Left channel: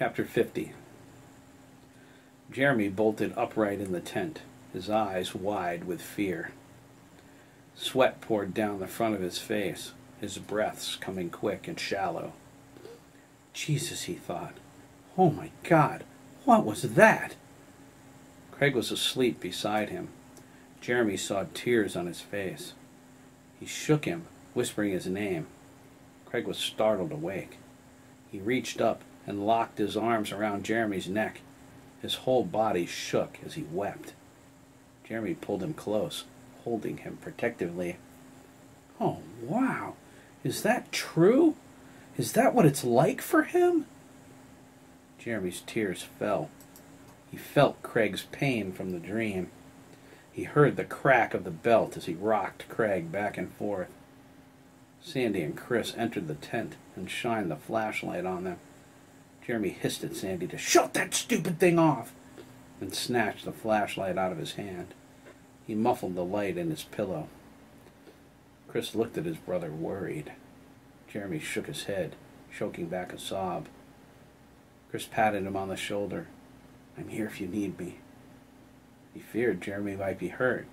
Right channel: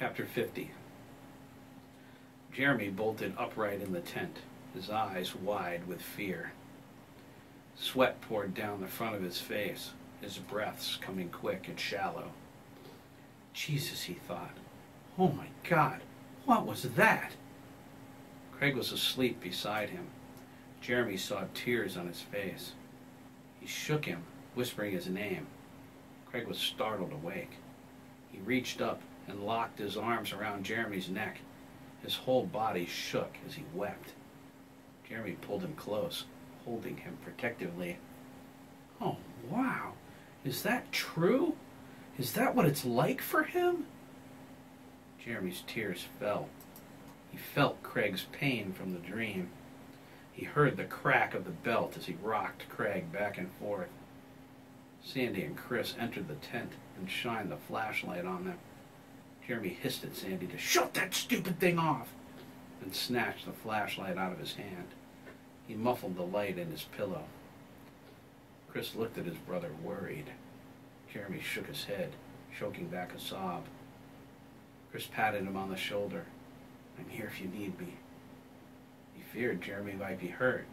Chapter 50. Jeremy bolted upright in the tent, his eyes wide with fear. Sweat poured down the front of his face, his breaths coming quick and shallow. Jesus, he thought. Oh my God, what was that? Craig was asleep beside him. Jeremy saw tears on his face. He shook him, whispering his name. Craig was startled awake. He reached up and locked his arms around Jeremy's neck. His whole body shook as he wept. Jeremy pulled him close, holding him protectively. Oh, wow. Is that true? Is that what it's like for him? Jeremy's tears fell. He felt Craig's pain from the dream. He heard the crack of the belt as he rocked Craig back and forth. Sandy and Chris entered the tent and shined the flashlight on them. Jeremy hissed at Sandy to shut that stupid thing off and snatched the flashlight out of his hand. He muffled the light in his pillow. Chris looked at his brother, worried. Jeremy shook his head, choking back a sob. Chris patted him on the shoulder. I'm here if you need me. He feared Jeremy might be hurt,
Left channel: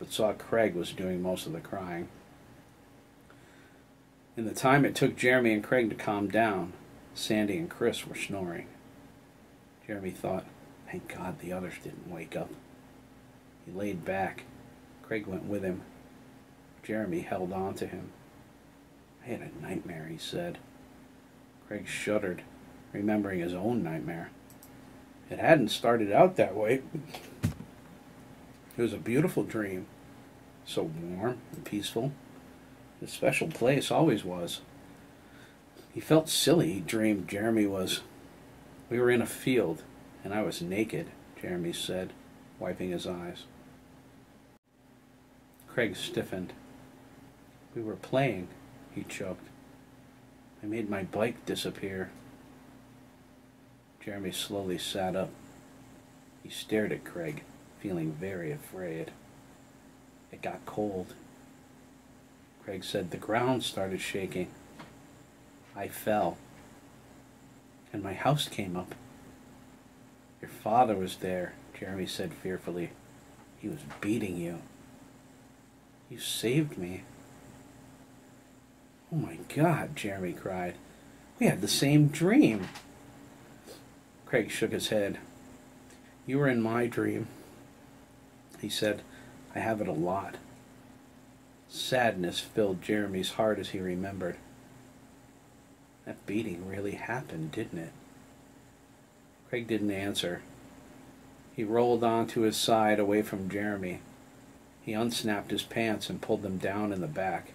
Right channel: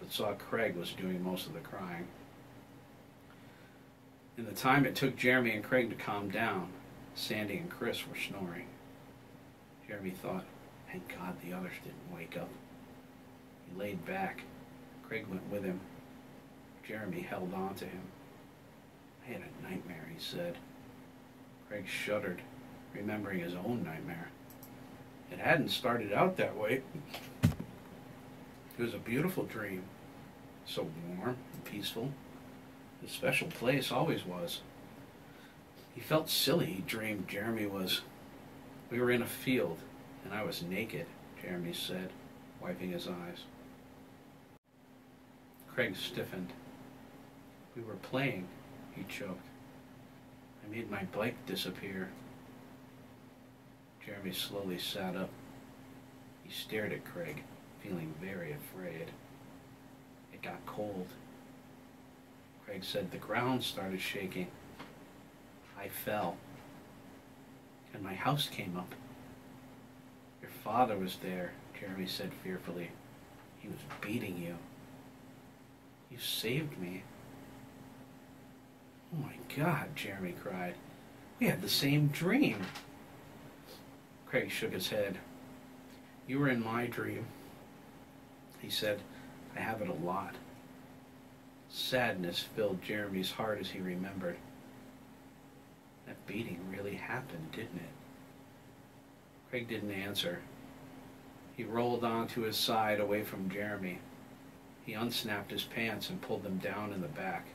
but saw Craig was doing most of the crying. In the time it took Jeremy and Craig to calm down, Sandy and Chris were snoring. Jeremy thought, thank God the others didn't wake up. He laid back. Craig went with him. Jeremy held on to him. I had a nightmare, he said. Craig shuddered, remembering his own nightmare. It hadn't started out that way. It was a beautiful dream, so warm and peaceful. A special place always was. He felt silly. He dreamed Jeremy was... We were in a field, and I was naked, Jeremy said, wiping his eyes. Craig stiffened. We were playing, he choked. I made my bike disappear. Jeremy slowly sat up. He stared at Craig, feeling very afraid. It got cold. Craig said the ground started shaking. I fell. And my house came up. Your father was there, Jeremy said fearfully. He was beating you. You saved me. Oh my God, Jeremy cried. We had the same dream. Craig shook his head. You were in my dream. He said, I have it a lot. Sadness filled Jeremy's heart as he remembered. That beating really happened, didn't it? Craig didn't answer. He rolled onto his side away from Jeremy. He unsnapped his pants and pulled them down in the back.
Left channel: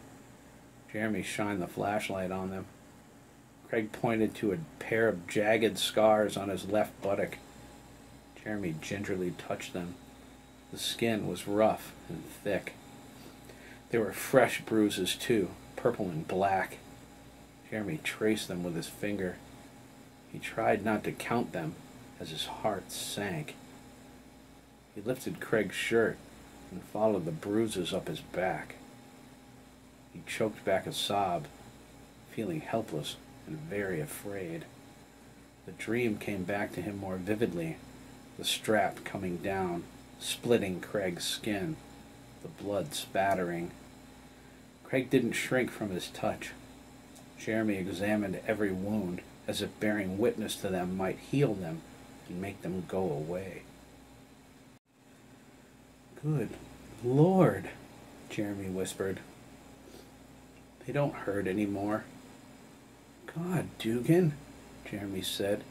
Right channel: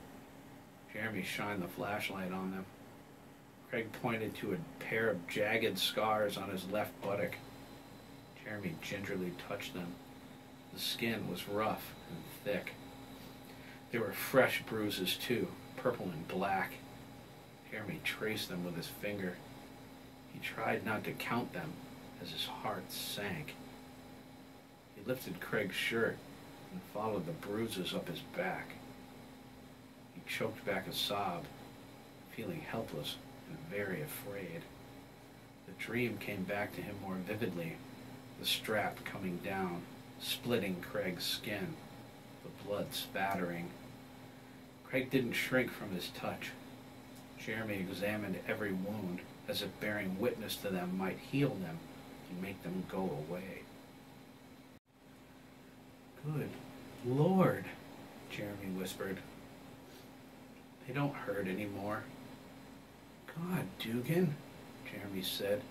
Jeremy shined the flashlight on them. Craig pointed to a pair of jagged scars on his left buttock. Jeremy gingerly touched them. The skin was rough and thick. There were fresh bruises, too, purple and black. Jeremy traced them with his finger. He tried not to count them as his heart sank. He lifted Craig's shirt and followed the bruises up his back. He choked back a sob, feeling helpless and very afraid. The dream came back to him more vividly, the strap coming down, splitting Craig's skin, the blood spattering. Craig didn't shrink from his touch. Jeremy examined every wound, as if bearing witness to them might heal them and make them go away. Good Lord, Jeremy whispered. They don't hurt anymore. God, Dougan, Jeremy said,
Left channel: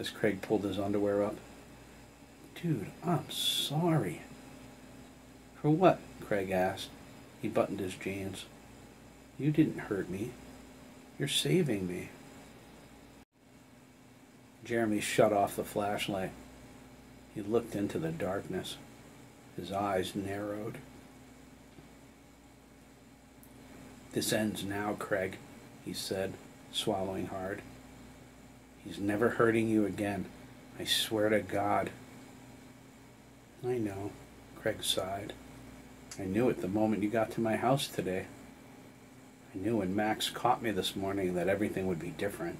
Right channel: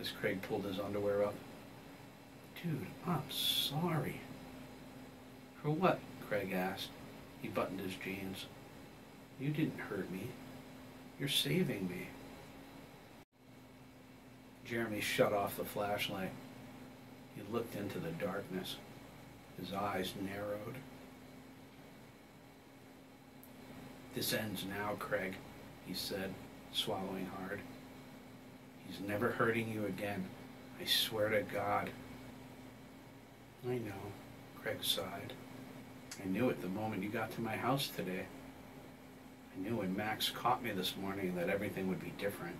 as Craig pulled his underwear up. Dude, I'm sorry. For what? Craig asked. He buttoned his jeans. You didn't hurt me. You're saving me. Jeremy shut off the flashlight. He looked into the darkness. His eyes narrowed. This ends now, Craig, he said, swallowing hard. He's never hurting you again. I swear to God. I know, Craig sighed. I knew it the moment you got to my house today. I knew when Max caught me this morning that everything would be different.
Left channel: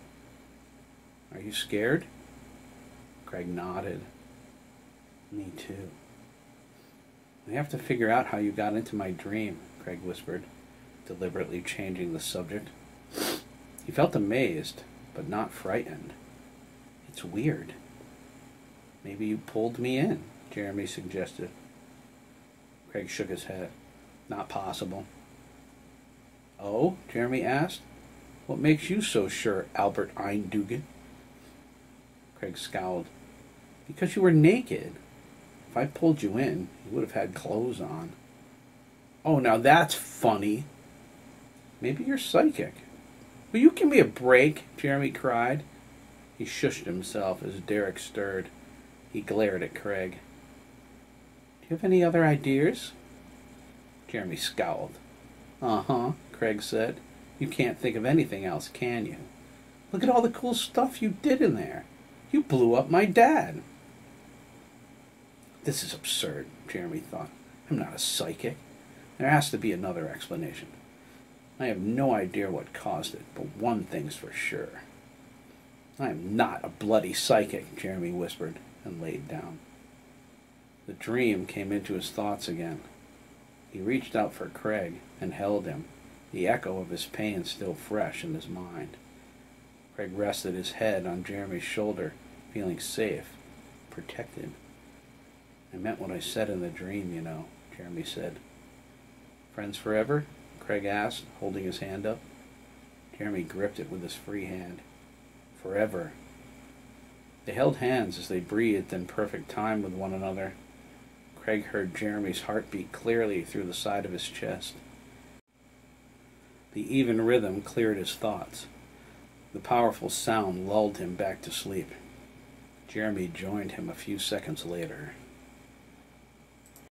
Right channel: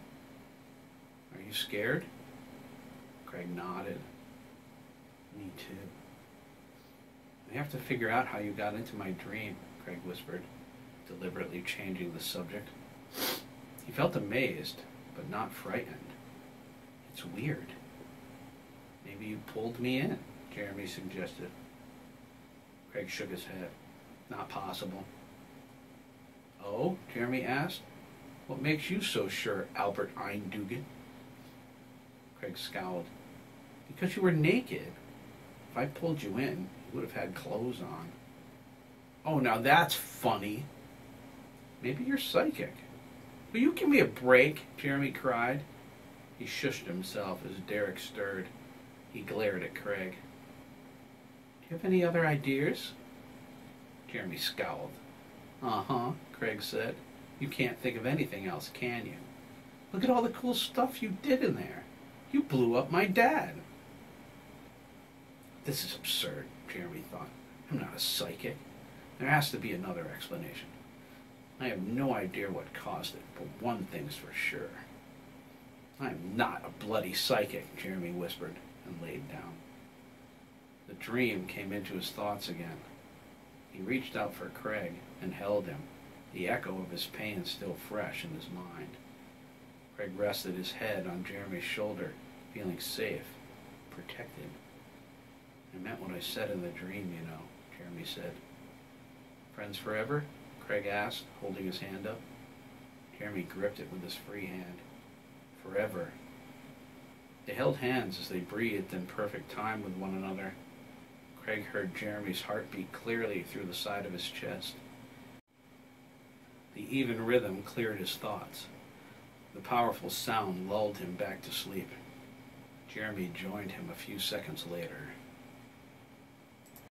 Are you You scared? Craig nodded. Me too. I have to figure out how you got into my dream, Craig whispered, deliberately changing the subject. He felt amazed, but not frightened. It's weird. Maybe you pulled me in, Jeremy suggested. Craig shook his head. Not possible. Oh? Jeremy asked. What makes you so sure, Albert Dougan? Craig scowled. Because you were naked. If I pulled you in, you would have had clothes on. Oh, now that's funny. Maybe you're psychic. Will you give me a break? Jeremy cried. He shushed himself as Derek stirred. He glared at Craig. Do you have any other ideas? Jeremy scowled. Uh-huh, Craig said. You can't think of anything else, can you? Look at all the cool stuff you did in there. You blew up my dad. This is absurd, Jeremy thought. I'm not a psychic. There has to be another explanation. I have no idea what caused it, but one thing's for sure. I am not a bloody psychic, Jeremy whispered and laid down. The dream came into his thoughts again. He reached out for Craig and held him, the echo of his pain still fresh in his mind. Craig rested his head on Jeremy's shoulder, feeling safe, protected. I meant what I said in the dream, you know, Jeremy said. Friends forever? Craig asked, holding his hand up. Jeremy gripped it with his free hand. Forever. They held hands as they breathed in perfect time with one another. Craig heard Jeremy's heartbeat clearly through the side of his chest. The even rhythm cleared his thoughts. The powerful sound lulled him back to sleep. Jeremy joined him a few seconds later.